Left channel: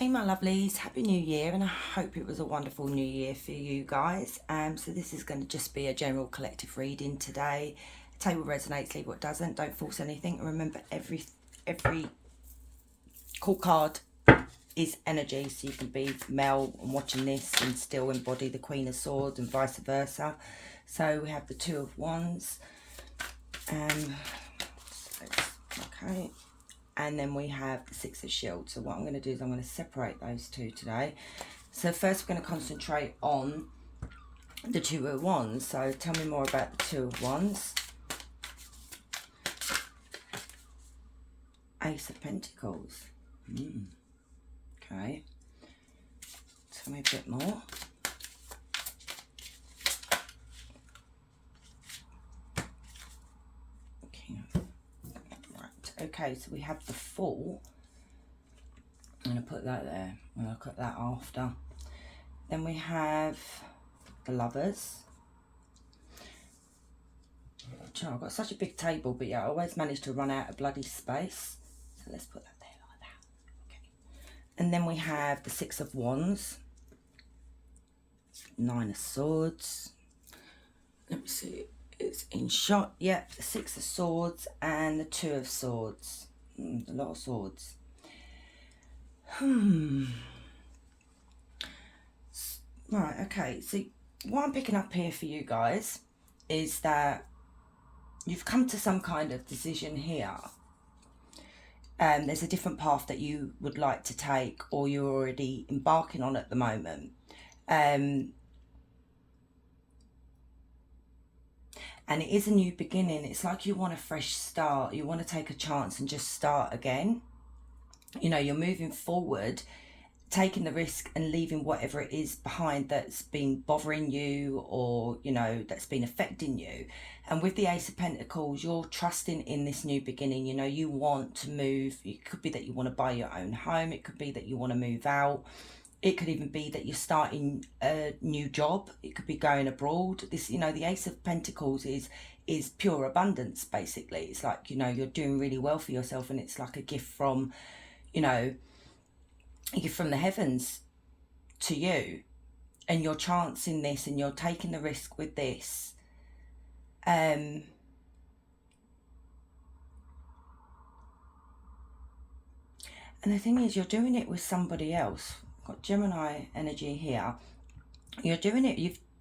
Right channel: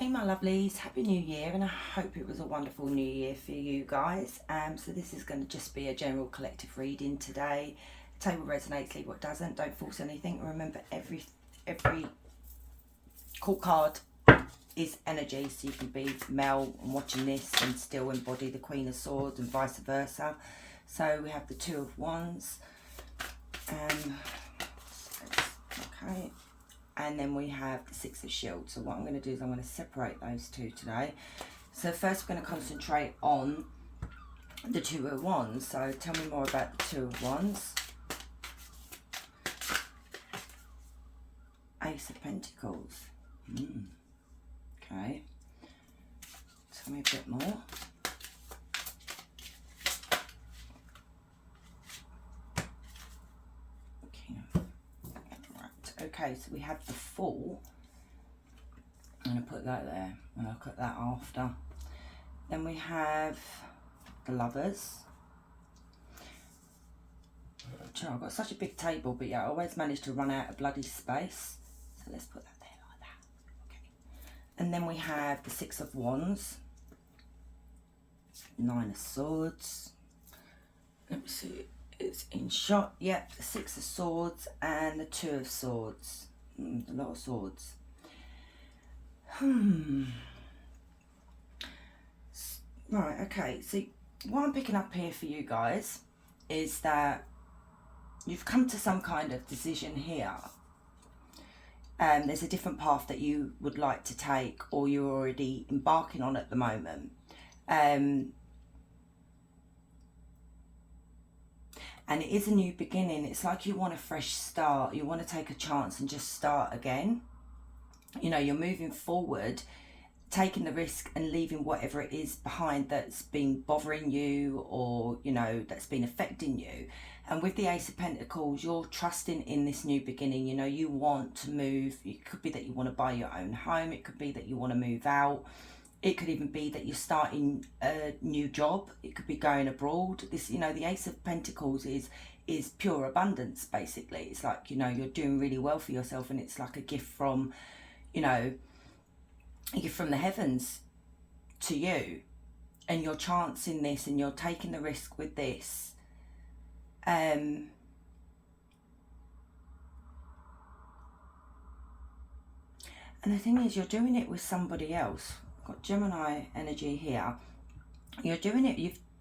Hey my lovelies, happy new year, and I hope it was a wonderful new year for you guys. So this is going to just be a general collective reading today. Tell what resonates, leave what doesn't. Don't force anything. And remember, every court card is energy, so you can be male and watching this and still embody the Queen of Swords and vice versa. So we have the Two of Wands. Okay. And then we have the Six of Shields. So what I'm going to do is I'm going to separate those two today. So first we're going to concentrate on the Two of Wands. So tell me more about the Two of Wands. Ace of Pentacles. Okay. Tell me a bit more. Okay, so we have the Fool. I'm going to put that there. I'll look at that after. Then we have the Lovers. I've got such a big table, but yeah, I always manage to run out of bloody space. So let's put that there like that. Okay. And then we have the Six of Wands. Nine of Swords. Let me see. It's in shot. Yep, the Six of Swords and the Two of Swords. A lot of swords. Right, okay. So what I'm picking up here for you guys is that you've come to some kind of decision here. There's a different path that you would like to take, or you're already embarking on at the moment. And it is a new beginning. It's like you want a fresh start. You want to take a chance and just start again. You know, you're moving forward, taking the risk and leaving whatever it is behind that's been bothering you, or, you know, that's been affecting you. And with the Ace of Pentacles, you're trusting in this new beginning. You know, you want to move. It could be that you want to buy your own home. It could be that you want to move out. It could even be that you're starting a new job. It could be going abroad. This, you know, the Ace of Pentacles is pure abundance, basically. It's like, you know, you're doing really well for yourself, and it's like a gift from, you know, a gift from the heavens to you. And you're chancing this, and you're taking the risk with this. And the thing is, you're doing it with somebody else. Got Gemini energy here. You're doing it,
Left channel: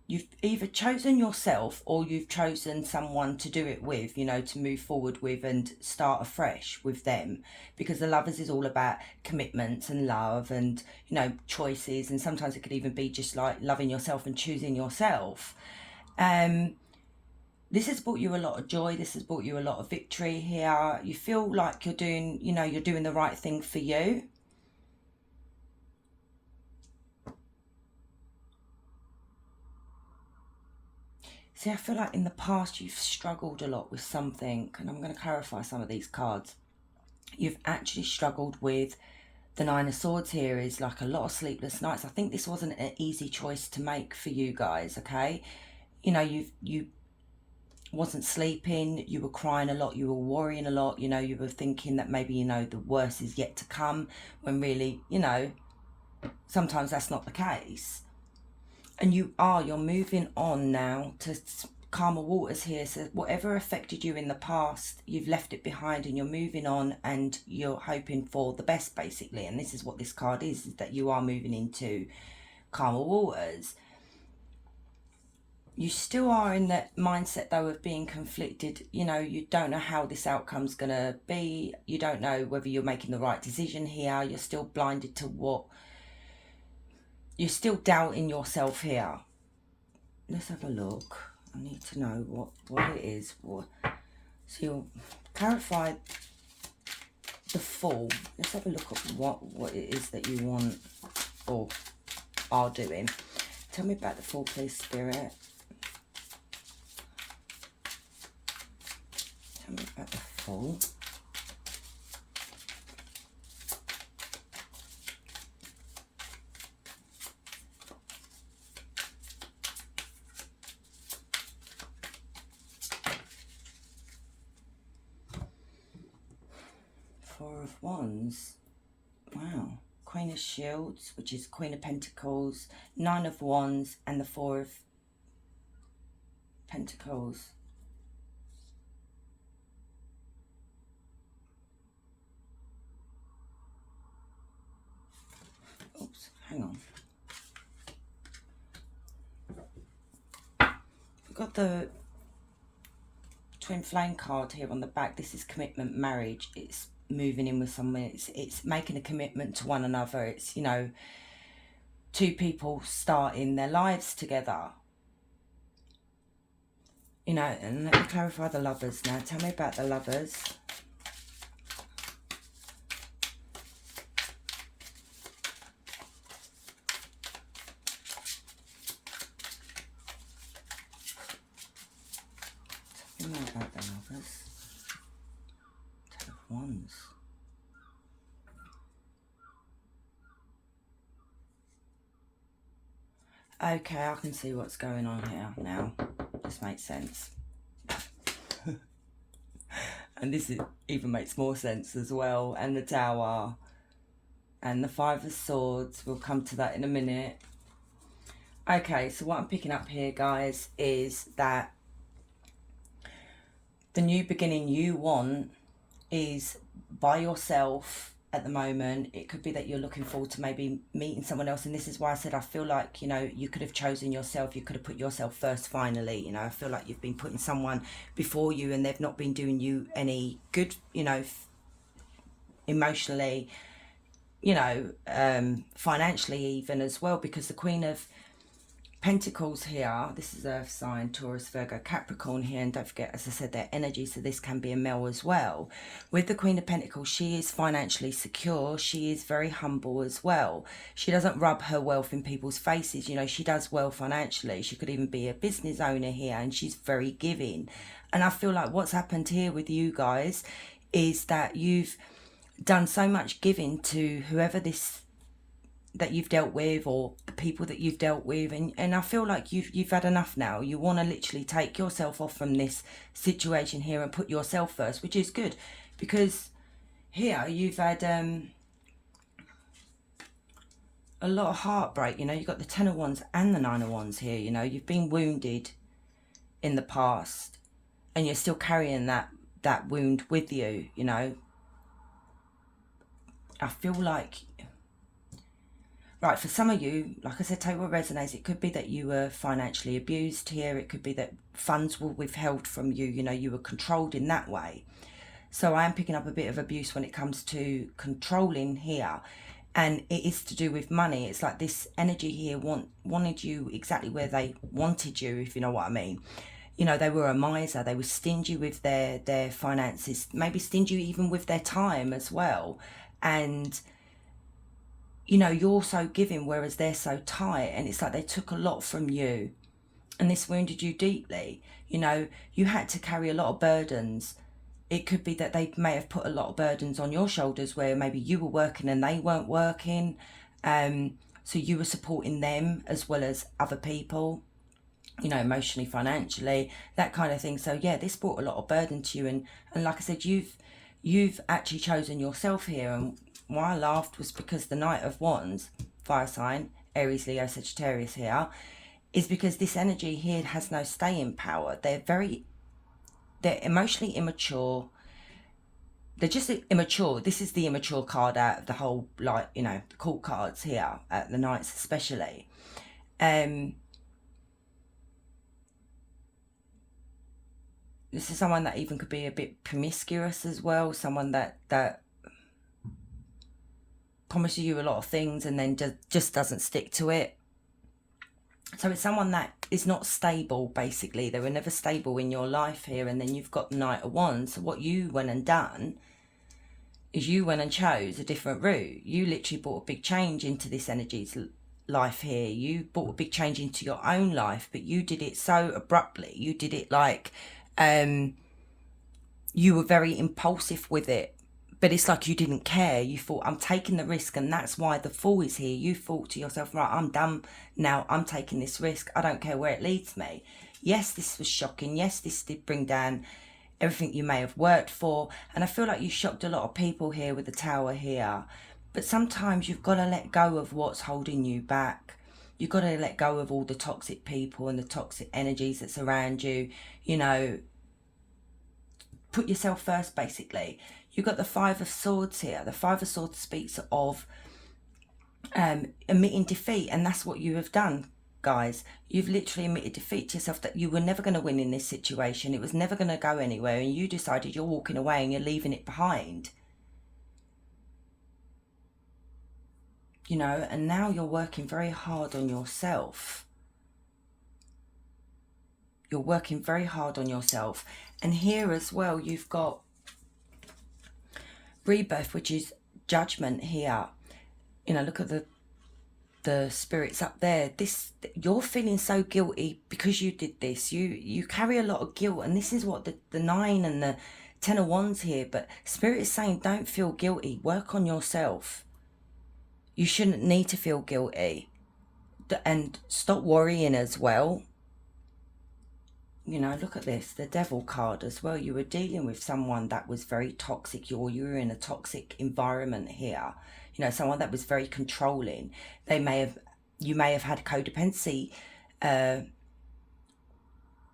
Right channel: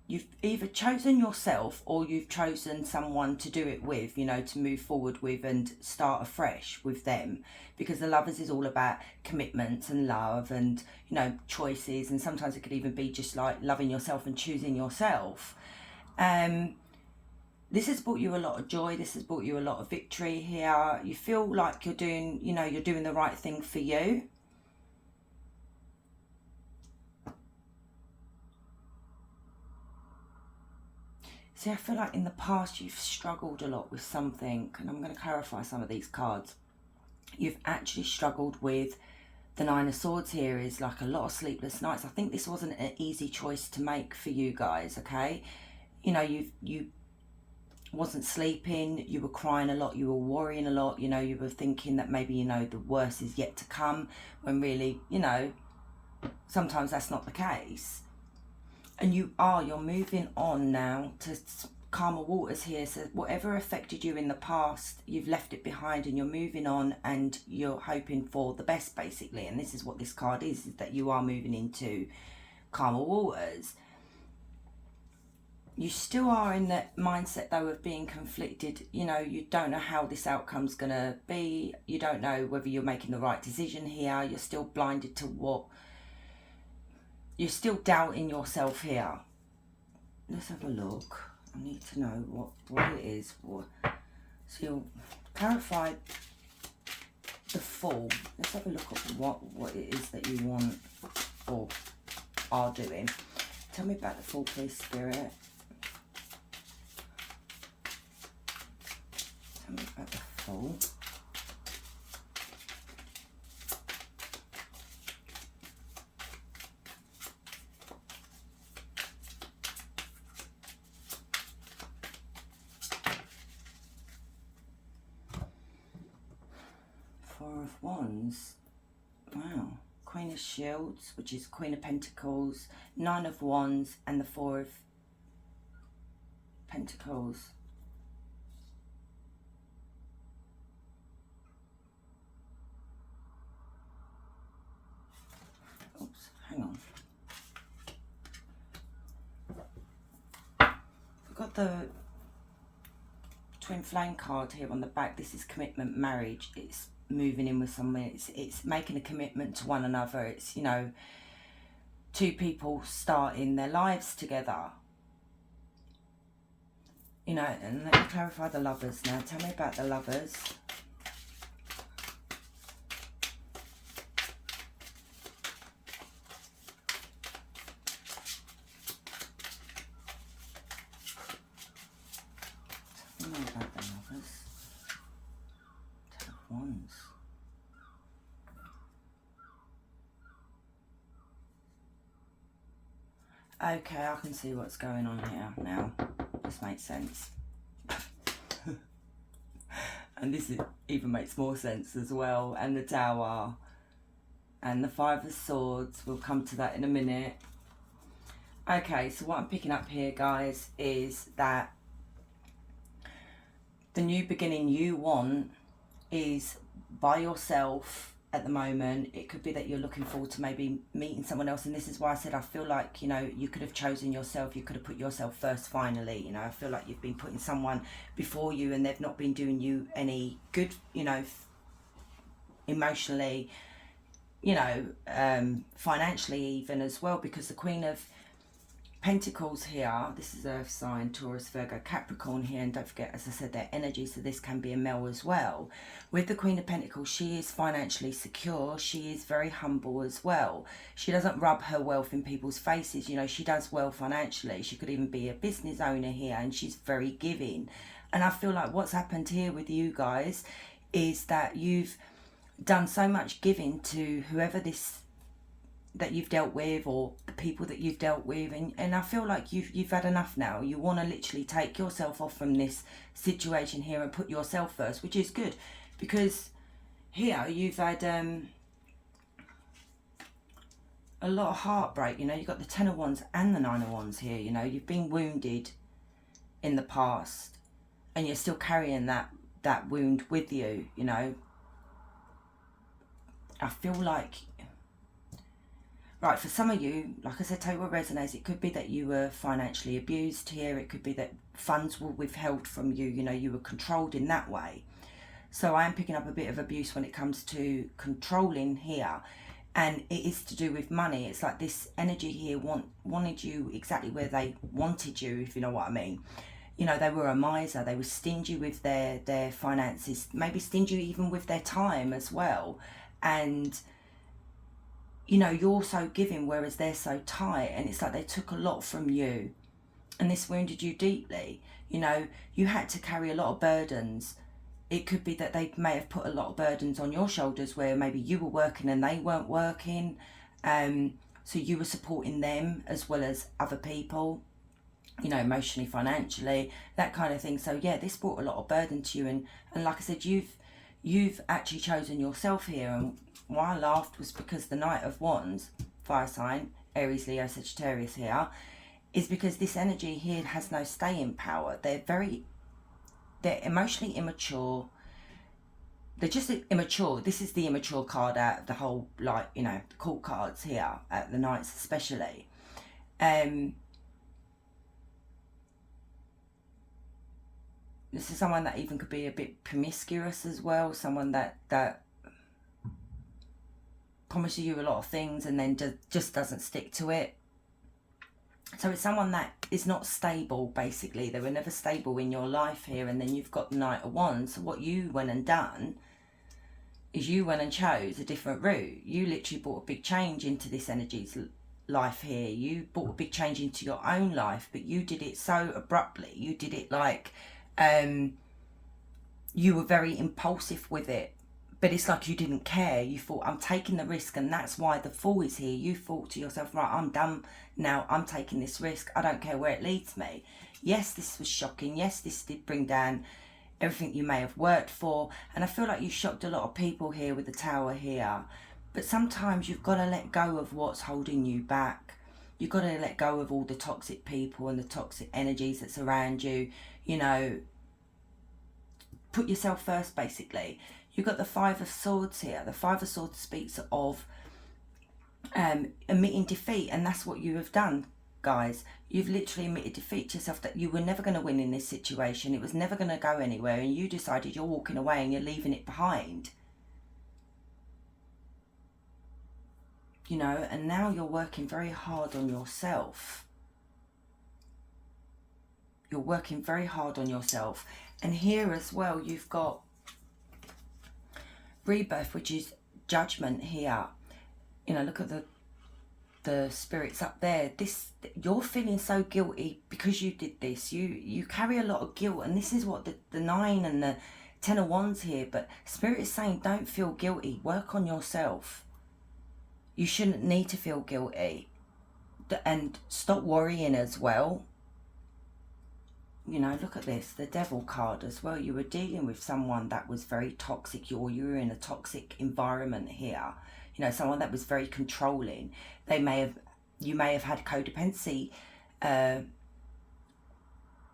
you've either chosen yourself, or you've chosen someone to do it with, you know, to move forward with and start afresh with them. Because the Lovers is all about commitments and love and, you know, choices, and sometimes it could even be just like loving yourself and choosing yourself. This has brought you a lot of joy. This has brought you a lot of victory here. You feel like you're doing, you know, you're doing the right thing for you. See, I feel like in the past you've struggled a lot with something, and I'm going to clarify some of these cards. You've actually struggled with the Nine of Swords here. Is like a lot of sleepless nights. I think this wasn't an easy choice to make for you guys, okay? You know, you wasn't sleeping, you were crying a lot, you were worrying a lot, you know, you were thinking that maybe, you know, the worst is yet to come, when really, you know, sometimes that's not the case. And you're moving on now to calmer waters here. So whatever affected you in the past, you've left it behind, and you're moving on, and you're hoping for the best, basically. And this is what this card is that you are moving into calmer waters. You still are in that mindset, though, of being conflicted. You know, you don't know how this outcome's going to be. You don't know whether you're making the right decision here. You're still blinded to what... You're still doubting yourself here. Let's have a look. I need to know what it is. So you'll clarify the Fool. Let's have a look at what it is that you want or are doing. Tell me about the Fool, please, Spirit. Tell me about the Fool. Four of Wands. Wow. Queen Queen of Shields, which is Queen of Pentacles, Nine of Wands, and the Four of Pentacles. Oops, hang on. We've got the Twin Flame card here on the back. This is commitment, marriage. It's moving in with someone. It's making a commitment to one another. It's, you know, two people starting their lives together. You know, and let me clarify the Lovers now. Tell me about the Lovers. Tell me about the Lovers. Ten of Wands. Okay, I can see what's going on here now. This makes sense. And this even makes more sense as well. And the Tower. And the Five of Swords. We'll come to that in a minute. Okay, so what I'm picking up here, guys, is that the new beginning you want is by yourself at the moment. It could be that you're looking forward to maybe meeting someone else, and this is why I said I feel like, you know, you could have chosen yourself. You could have put yourself first finally. You know, I feel like you've been putting someone before you and they've not been doing you any good, you know, emotionally, you know, financially even as well, because the Queen of Pentacles here, this is Earth sign, Taurus, Virgo, Capricorn here, and don't forget, as I said, their energy, so this can be a male as well. With the Queen of Pentacles, she is financially secure. She is very humble as well. She doesn't rub her wealth in people's faces. You know, she does well financially. She could even be a business owner here, and she's very giving. And I feel like what's happened here with you guys is that you've done so much giving to whoever this that you've dealt with, or the people that you've dealt with, and I feel like you've had enough now. You want to literally take yourself off from this situation here and put yourself first, which is good, because here you've had a lot of heartbreak. You know, you've got the Ten of Wands and the Nine of Wands here. You know, you've been wounded in the past and you're still carrying that wound with you. You know, I feel like, right, for some of you, like I said, take what resonates. It could be that you were financially abused here. It could be that funds were withheld from you. You know, you were controlled in that way. So I am picking up a bit of abuse when it comes to controlling here. And it is to do with money. It's like this energy here wanted you exactly where they wanted you, if you know what I mean. You know, they were a miser. They were stingy with their finances. Maybe stingy even with their time as well. And you know, you're so giving, whereas they're so tight, and it's like they took a lot from you, and this wounded you deeply. You know, you had to carry a lot of burdens. It could be that they may have put a lot of burdens on your shoulders, where maybe you were working and they weren't working, so you were supporting them as well as other people, you know, emotionally, financially, that kind of thing. So yeah, this brought a lot of burden to you, and like I said, you've actually chosen yourself here. And why I laughed was because the Knight of Wands, fire sign, Aries, Leo, Sagittarius here, is because this energy here has no staying power. They're emotionally immature. They're just immature. This is the immature card out of the whole, like, you know, the court cards here, the Knights especially. This is someone that even could be a bit promiscuous as well. Someone that promises you a lot of things and then just doesn't stick to it. So it's someone that is not stable, basically. They were never stable in your life here. And then you've got the Knight of Wands. So what you went and done is you went and chose a different route. You literally brought a big change into this energy's life here. You brought a big change into your own life, but you did it so abruptly. You did it like you were very impulsive with it. But it's like you didn't care. You thought, I'm taking the risk, and that's why the Fool is here. You thought to yourself, right, I'm done now. I'm taking this risk. I don't care where it leads me. Yes, this was shocking. Yes, this did bring down everything you may have worked for. And I feel like you shocked a lot of people here with the Tower here. But sometimes you've got to let go of what's holding you back. You've got to let go of all the toxic people and the toxic energies that's around you. You know, put yourself first, basically. You've got the Five of Swords here. The Five of Swords speaks of admitting defeat, and that's what you have done, guys. You've literally admitted defeat to yourself, that you were never going to win in this situation. It was never going to go anywhere, and you decided you're walking away and you're leaving it behind. You know, and now you're working very hard on yourself. You're working very hard on yourself. And here as well, you've got rebirth, which is judgment here. You know, look at the spirits up there. This, you're feeling so guilty because you did this. You carry a lot of guilt, and this is what the 9 and the 10 of Wands here. But Spirit is saying, don't feel guilty. Work on yourself. You shouldn't need to feel guilty. And stop worrying as well. You know, look at this, the Devil card as well. You were dealing with someone that was very toxic, or you were in a toxic environment here. You know, someone that was very controlling. You may have had codependency. You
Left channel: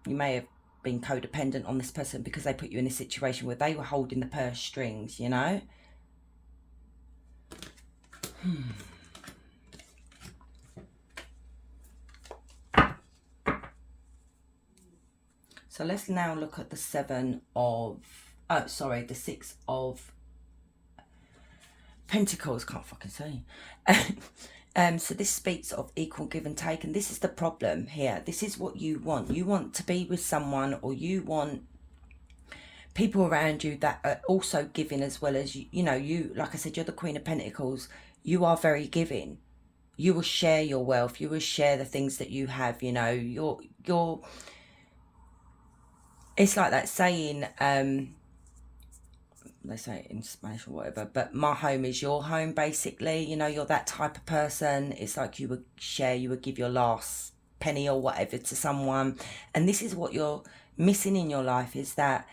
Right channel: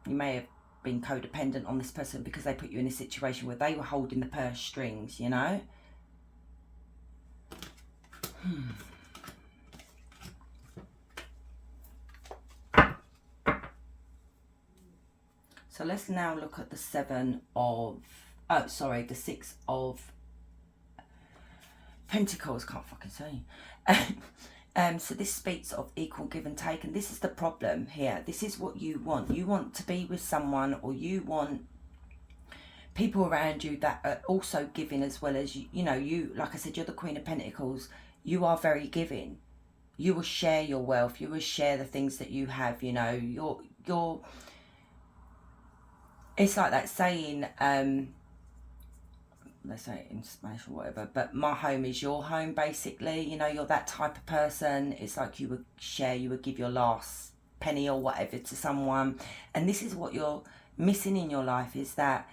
may have been codependent on this person because they put you in a situation where they were holding the purse strings, you know. So let's now look at the the 6 of Pentacles. Can't fucking say. So this speaks of equal give and take, and this is the problem here. This is what you want. You want to be with someone, or you want people around you that are also giving as well as you. You know, you, like I said, you're the Queen of Pentacles. You are very giving. You will share your wealth. You will share the things that you have. You know, you're. It's like that saying, they say it in Spanish or whatever, but my home is your home, basically. You know, you're that type of person. It's like you would share, you would give your last penny or whatever to someone. And this is what you're missing in your life, is that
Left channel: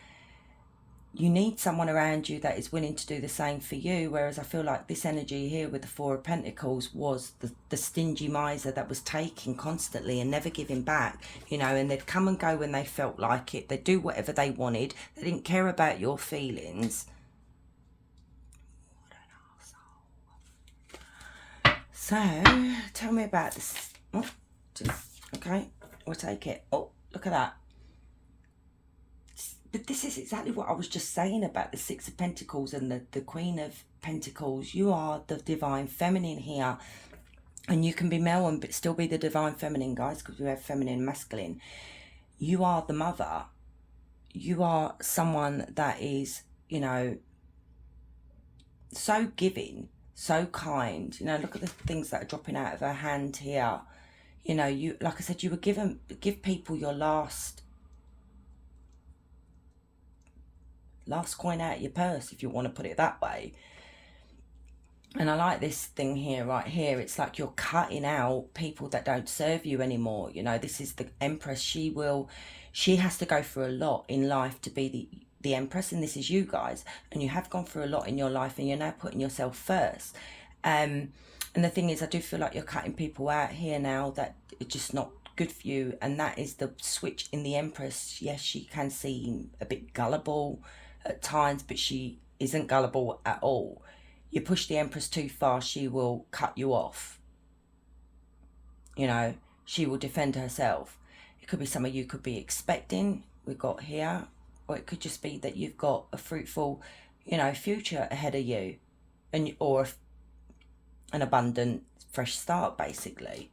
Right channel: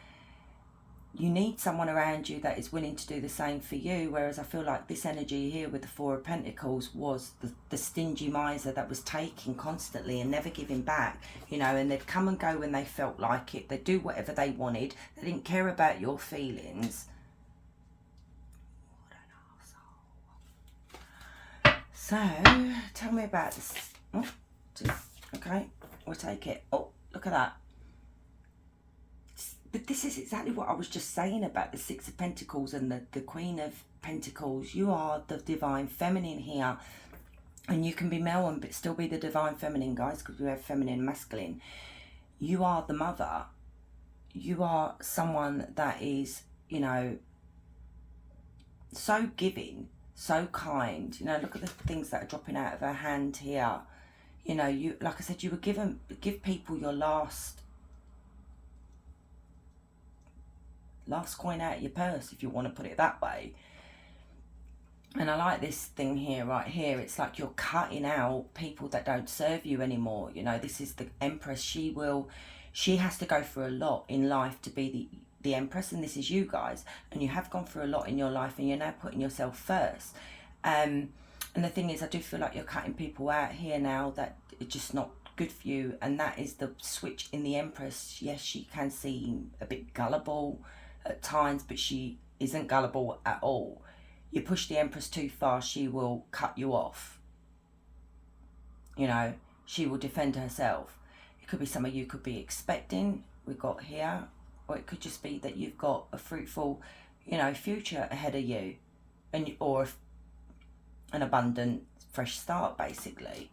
you need someone around you that is willing to do the same for you. Whereas I feel like this energy here with the 4 of Pentacles was the stingy miser that was taking constantly and never giving back, you know, and they'd come and go when they felt like it. They'd do whatever they wanted. They didn't care about your feelings. So, tell me about this. Oh, okay, we'll take it. Oh, look at that. But this is exactly what I was just saying about the 6 of Pentacles and the Queen of Pentacles. You are the Divine Feminine here. And you can be male and but still be the Divine Feminine, guys, because you have feminine and masculine. You are the mother. You are someone that is, you know, so giving, so kind. You know, look at the things that are dropping out of her hand here. You know, you, like I said, you would give people your last coin out of your purse, if you want to put it that way. And I like this thing here, right here. It's like you're cutting out people that don't serve you anymore. You know, this is the Empress. She has to go through a lot in life to be the Empress, and this is you guys. And you have gone through a lot in your life, and you're now putting yourself first. And the thing is, I do feel like you're cutting people out here now that are just not good for you. And that is the switch in the Empress. Yes, she can seem a bit gullible at times, but she isn't gullible at all. You push the Empress too far, she will cut you off. You know, she will defend herself. It could be something you could be expecting, we've got here, or it could just be that you've got a fruitful, you know, future ahead of you, or an abundant fresh start, basically.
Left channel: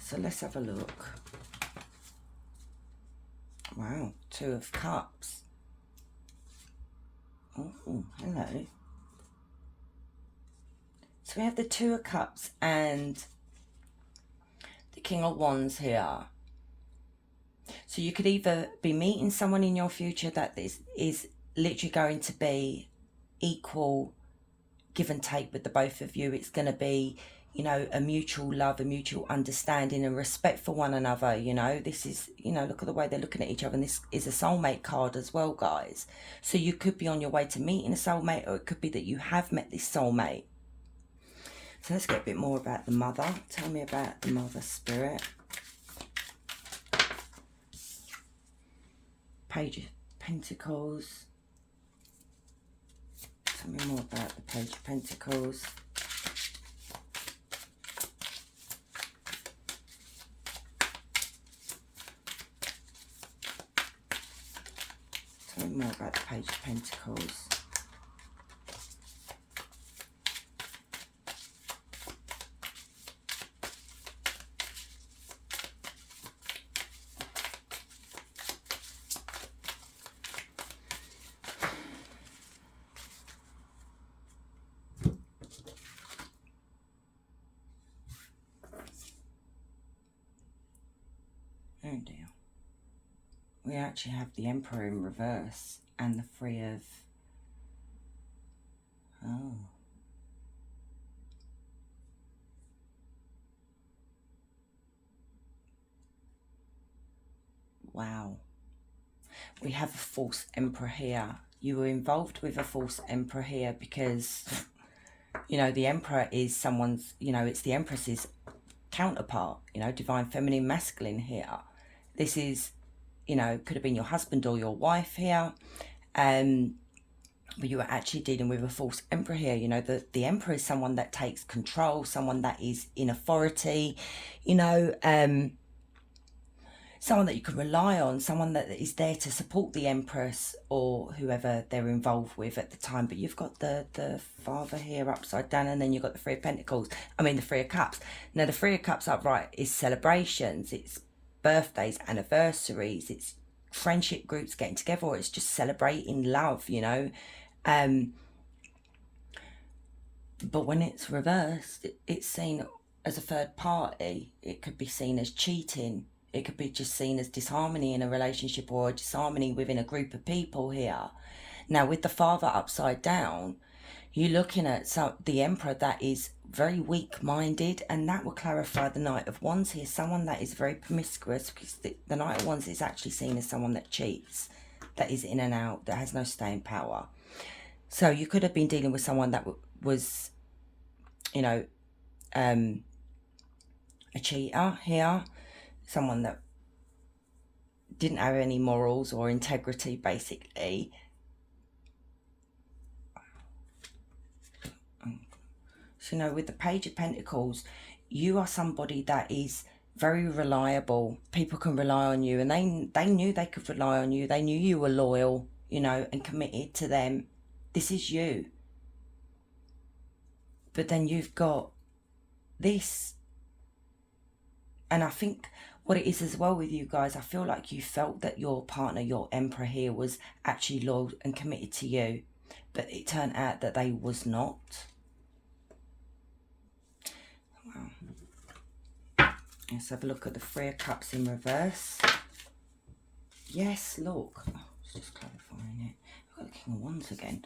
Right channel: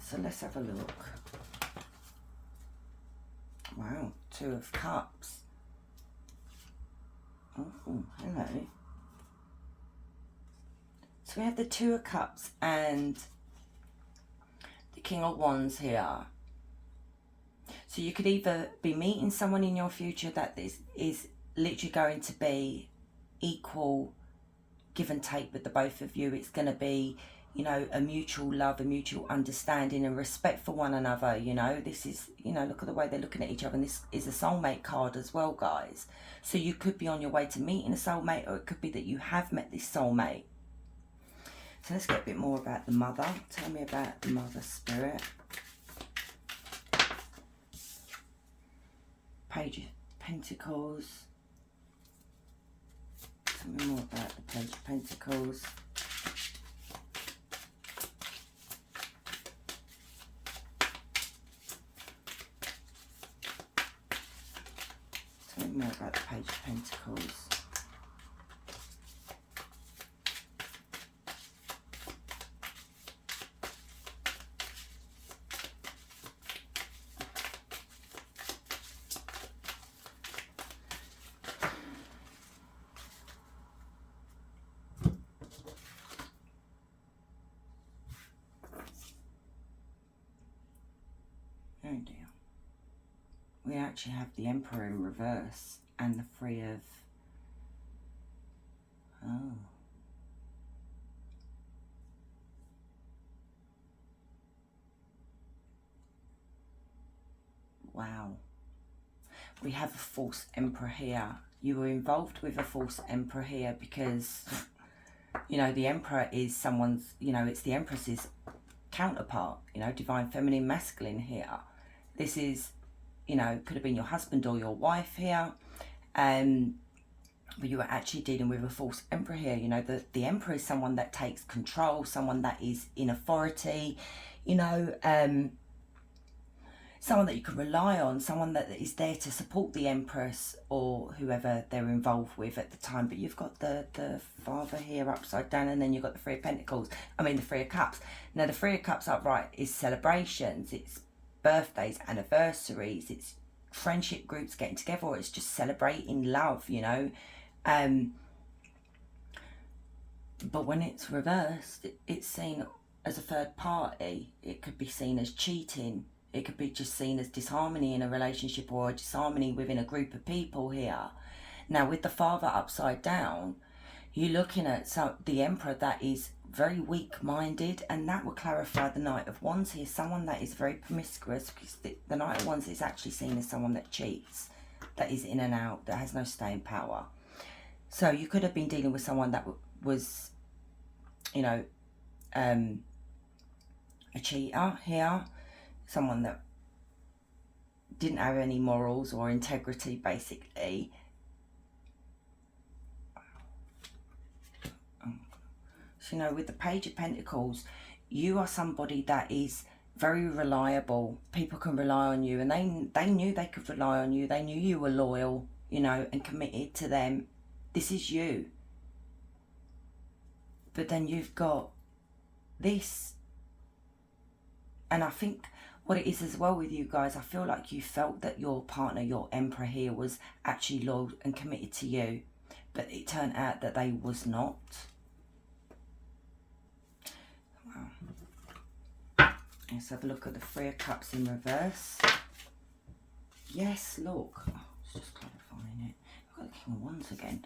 So let's have a look. Wow, 2 of Cups. Oh, hello. So we have the 2 of Cups and the King of Wands here. So you could either be meeting someone in your future that is literally going to be equal give and take with the both of you. It's going to be, you know, a mutual love, a mutual understanding and respect for one another. You know, this is, you know, look at the way they're looking at each other. And this is a soulmate card as well, guys. So you could be on your way to meeting a soulmate, or it could be that you have met this soulmate. So let's get a bit more about the mother. Tell me about the mother spirit. Page of Pentacles. Tell me more about the Page of Pentacles. Tell me more about the Page of Pentacles. Oh dear. We actually have the Emperor in reverse and the Three of... Oh. Wow. We have a false Emperor here. You were involved with a false Emperor here because, you know, the Emperor is someone's, you know, it's the Empress's counterpart, you know, Divine Feminine Masculine here. This is, you know, could have been your husband or your wife here. But you are actually dealing with a false Emperor here. You know, the Emperor is someone that takes control, someone that is in authority, you know, someone that you can rely on, someone that is there to support the Empress or whoever they're involved with at the time. But you've got the Father here upside down, and then you've got the Three of Pentacles. I mean, the Three of Cups. Now, the Three of Cups upright is celebrations. It's birthdays, anniversaries. It's friendship groups getting together. Or it's just celebrating love, you know. But when it's reversed, it's seen as a third party. It could be seen as cheating. It could be just seen as disharmony in a relationship or disharmony within a group of people here. Now, with the Father upside down, you're looking at the Emperor that is very weak-minded, and that will clarify the Knight of Wands here. Someone that is very promiscuous, because the Knight of Wands is actually seen as someone that cheats, that is in and out, that has no staying power. So you could have been dealing with someone that was, you know, a cheater here. Someone that didn't have any morals or integrity, basically. So, you know, with the Page of Pentacles, you are somebody that is very reliable. People can rely on you, and they knew they could rely on you. They knew you were loyal, you know, and committed to them. This is you. But then you've got this. And I think what it is as well with you guys, I feel like you felt that your partner, your Emperor here, was actually loyal and committed to you. But it turned out that they was not. Wow. Let's have a look at the Three of Cups in reverse. Yes, look. Oh, it's just clarifying it. I've got the King of Wands again.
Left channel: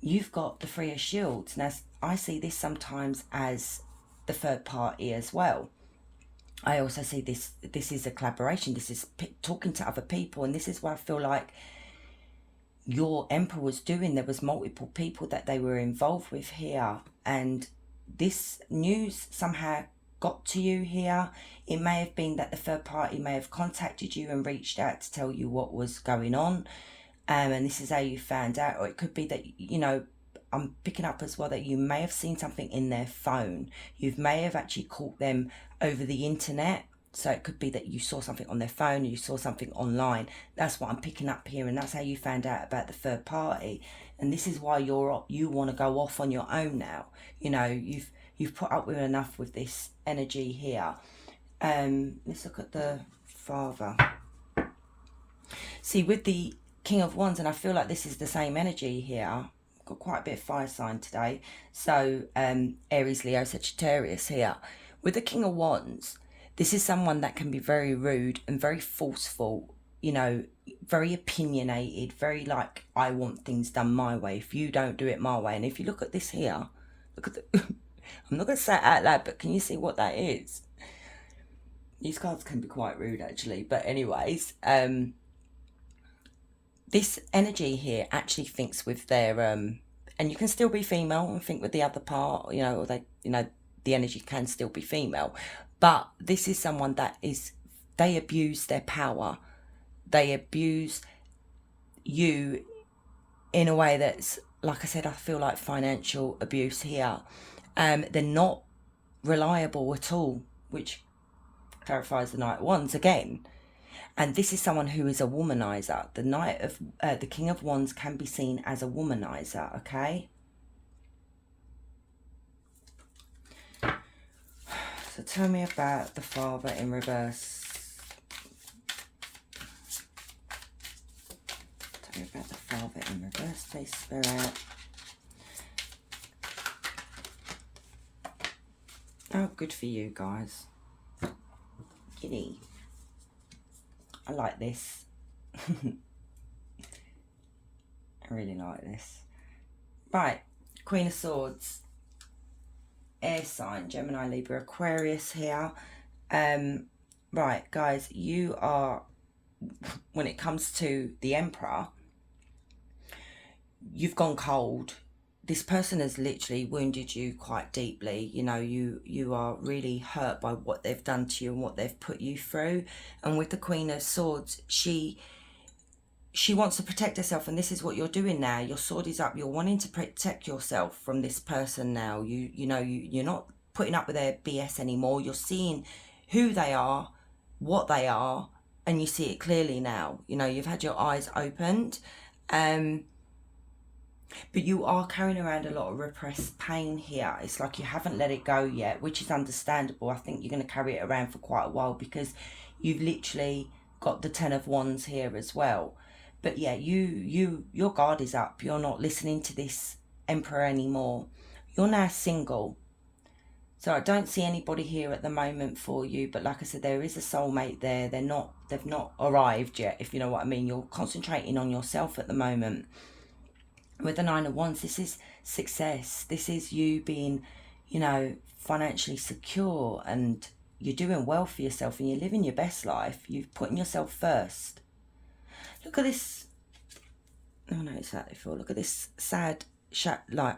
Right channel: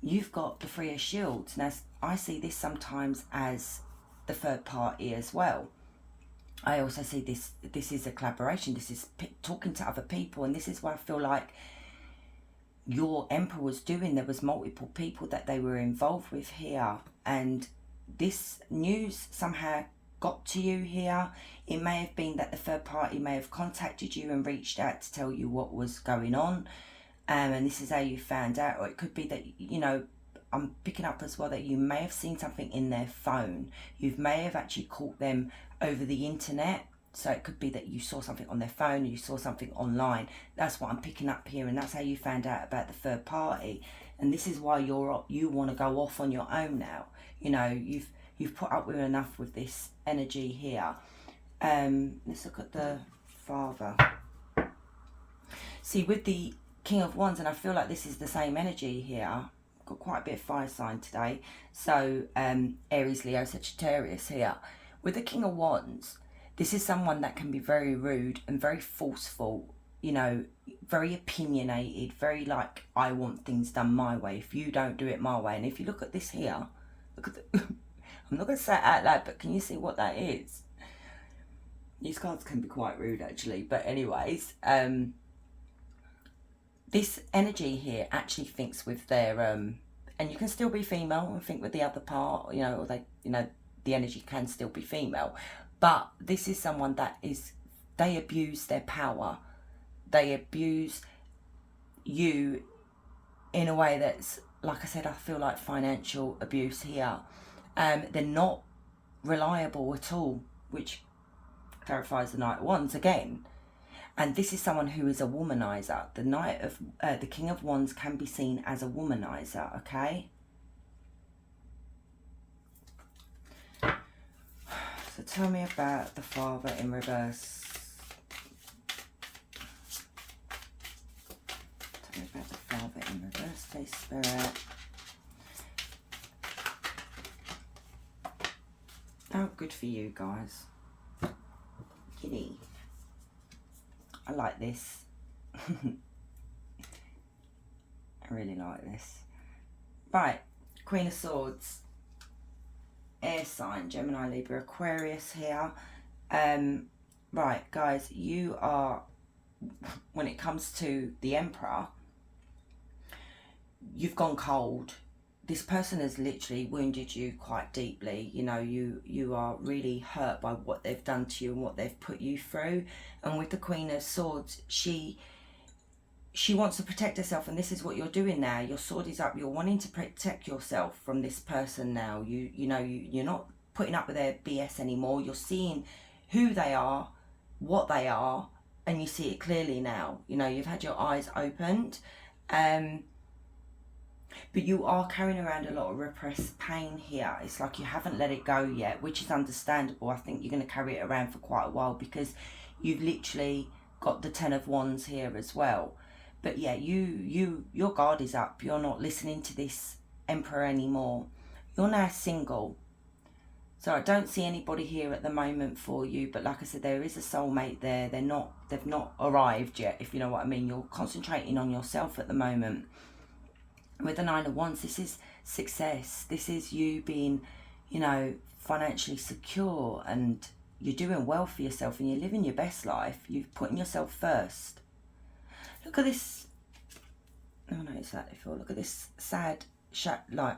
You've got the Three of Shields. Now, I see this sometimes as the third party as well. I also see this is a collaboration. This is talking to other people, and this is why I feel like your Emperor was doing. There was multiple people that they were involved with here, and this news somehow got to you here. It may have been that the third party may have contacted you and reached out to tell you what was going on, and this is how you found out. Or it could be that, you know, I'm picking up as well that you may have seen something in their phone. You may have actually caught them over the internet. So it could be that you saw something on their phone, or you saw something online. That's what I'm picking up here, and that's how you found out about the third party. And this is why you want to go off on your own now. You know, you've put up with enough with this energy here. Let's look at the Father. See, with the King of Wands, and I feel like this is the same energy here. Got quite a bit of fire sign today. So Aries, Leo, Sagittarius here. With the King of Wands, this is someone that can be very rude and very forceful, you know, very opinionated, very like, I want things done my way. If you don't do it my way. And if you look at this here, look at the, I'm not going to say it out loud, but can you see what that is? These cards can be quite rude actually. But anyways, this energy here actually thinks with their and you can still be female and think with the other part, you know, or they, you know, the energy can still be female. But this is someone that is, they abuse their power. They abuse you in a way that's, like I said, I feel like financial abuse here. They're not reliable at all, which clarifies the Knight of Wands again. And this is someone who is a womanizer. The Knight of the King of Wands can be seen as a womanizer, okay? So tell me about the Father in reverse. Tell me about the Father in reverse, please, Spirit. Oh, good for you guys. Giddy. I like this. I really like this. Right, Queen of Swords. Air sign, Gemini, Libra, Aquarius here. Right, guys, you are, when it comes to the Emperor, you've gone cold. This person has literally wounded you quite deeply. You know, you are really hurt by what they've done to you and what they've put you through. And with the Queen of Swords, she wants to protect herself, and this is what you're doing now. Your sword is up. You're wanting to protect yourself from this person now. You're not putting up with their BS anymore. You're seeing who they are, what they are, and you see it clearly now. You know, you've had your eyes opened. But you are carrying around a lot of repressed pain here. It's like you haven't let it go yet, which is understandable. I think you're going to carry it around for quite a while because you've literally got the Ten of Wands here as well. But yeah, your guard is up. You're not listening to this Emperor anymore. You're now single. So I don't see anybody here at the moment for you. But like I said, there is a soulmate there. They've not arrived yet, if you know what I mean. You're concentrating on yourself at the moment. With the Nine of Wands, this is success. This is you being, you know, financially secure, and you're doing well for yourself and you're living your best life. You're putting yourself first. Look at this. Oh no, it's that before. Look at this sad, like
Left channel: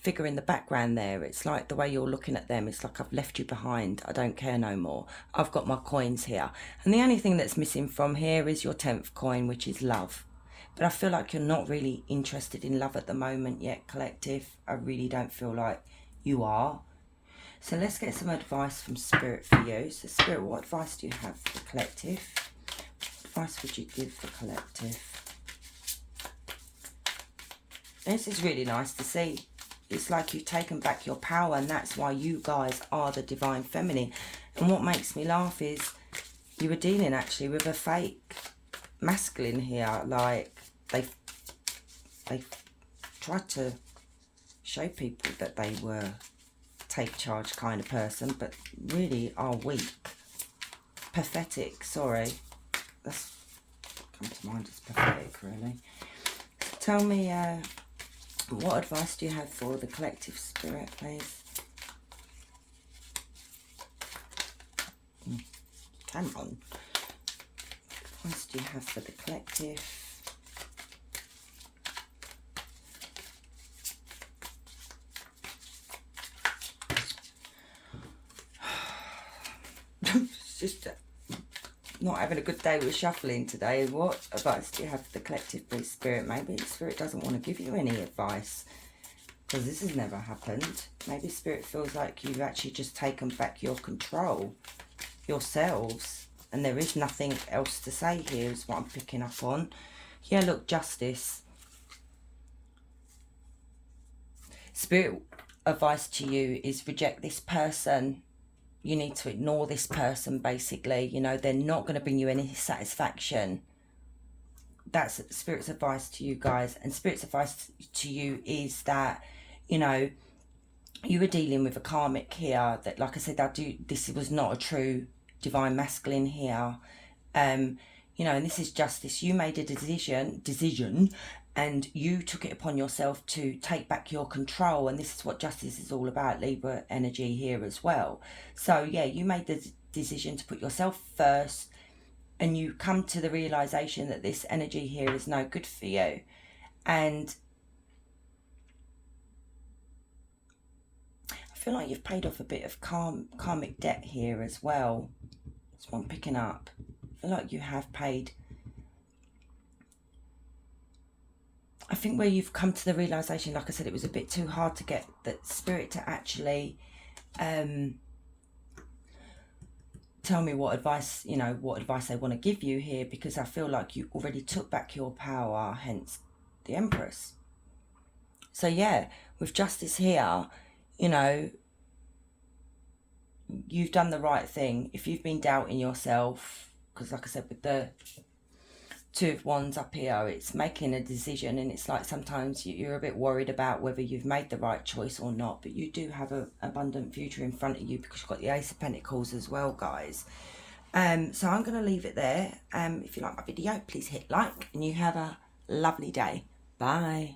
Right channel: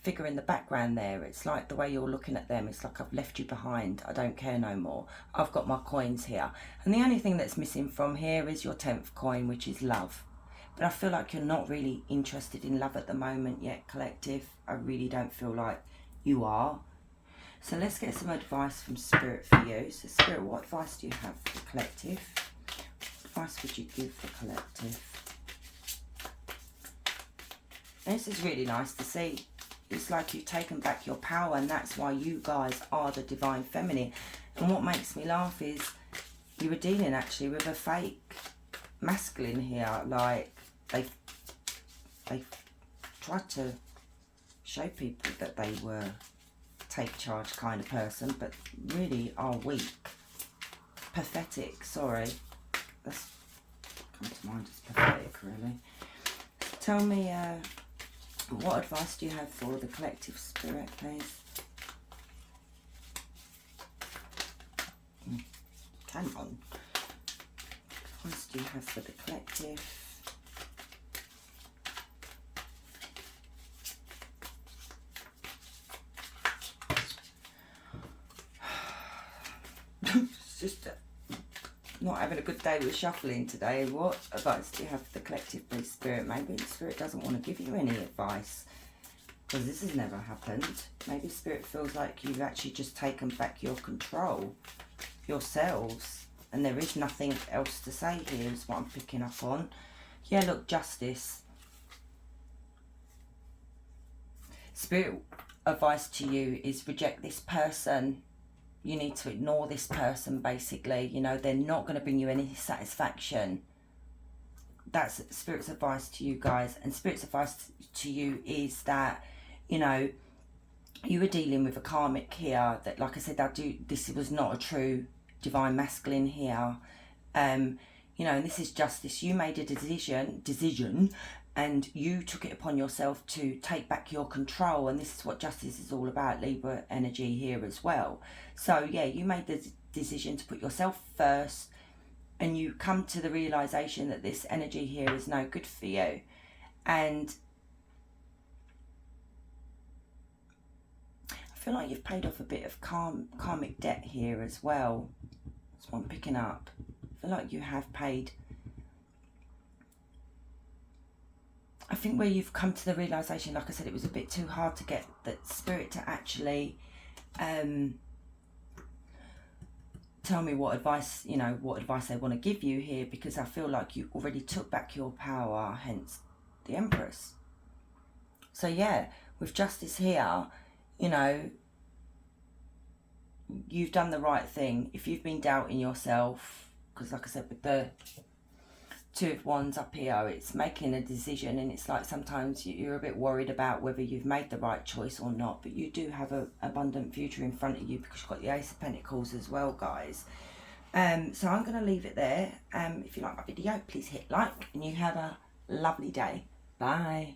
figure in the background there. It's like the way you're looking at them. It's like I've left you behind. I don't care no more. I've got my coins here. And the only thing that's missing from here is your 10th coin, which is love. But I feel like you're not really interested in love at the moment yet, collective. I really don't feel like you are. So let's get some advice from Spirit for you. So Spirit, what advice do you have for the collective? What advice would you give the collective? This is really nice to see. It's like you've taken back your power, and that's why you guys are the Divine Feminine. And what makes me laugh is you were dealing actually with a fake masculine here. Like they tried to show people that they were take charge kind of person, but really are weak, pathetic. Sorry, that's come to mind as pathetic, really. Tell me, what advice do you have for the collective, Spirit, please? Come on. What advice do you have for the collective? It's just not having a good day with shuffling today. What advice do you have for the collective, please, Spirit? Maybe Spirit doesn't want to give you any advice because this has never happened. Maybe Spirit feels like you've actually just taken back your control yourselves, and there is nothing else to say here is what I'm picking up on. Yeah, look, justice. Spirit advice to you is reject this person. You need to ignore this person, basically. You know, they're not going to bring you any satisfaction. That's Spirit's advice to you guys. And Spirit's advice to you is that, you know, you were dealing with a karmic here that, like I said, this was not a true divine masculine here. You know, and this is justice. You made a decision, and you took it upon yourself to take back your control. And this is what justice is all about, Libra energy here as well. So yeah, you made the decision to put yourself first, and you come to the realization that this energy here is no good for you. And feel like you've paid off a bit of karmic debt here as well. That's what I'm picking up. I feel like you have paid. I think where you've come to the realisation, like I said, it was a bit too hard to get that spirit to actually tell me what advice, you know, what advice they want to give you here, because I feel like you already took back your power, hence the Empress. So yeah, with Justice here, you know, you've done the right thing. If you've been doubting yourself, because like I said, with the Two of Wands up here, it's making a decision, and it's like sometimes you're a bit worried about whether you've made the right choice or not, but you do have an abundant future in front of you, because you've got the Ace of Pentacles as well, guys. So I'm going to leave it there. If you like my video, please hit like, and you have a lovely day. Bye.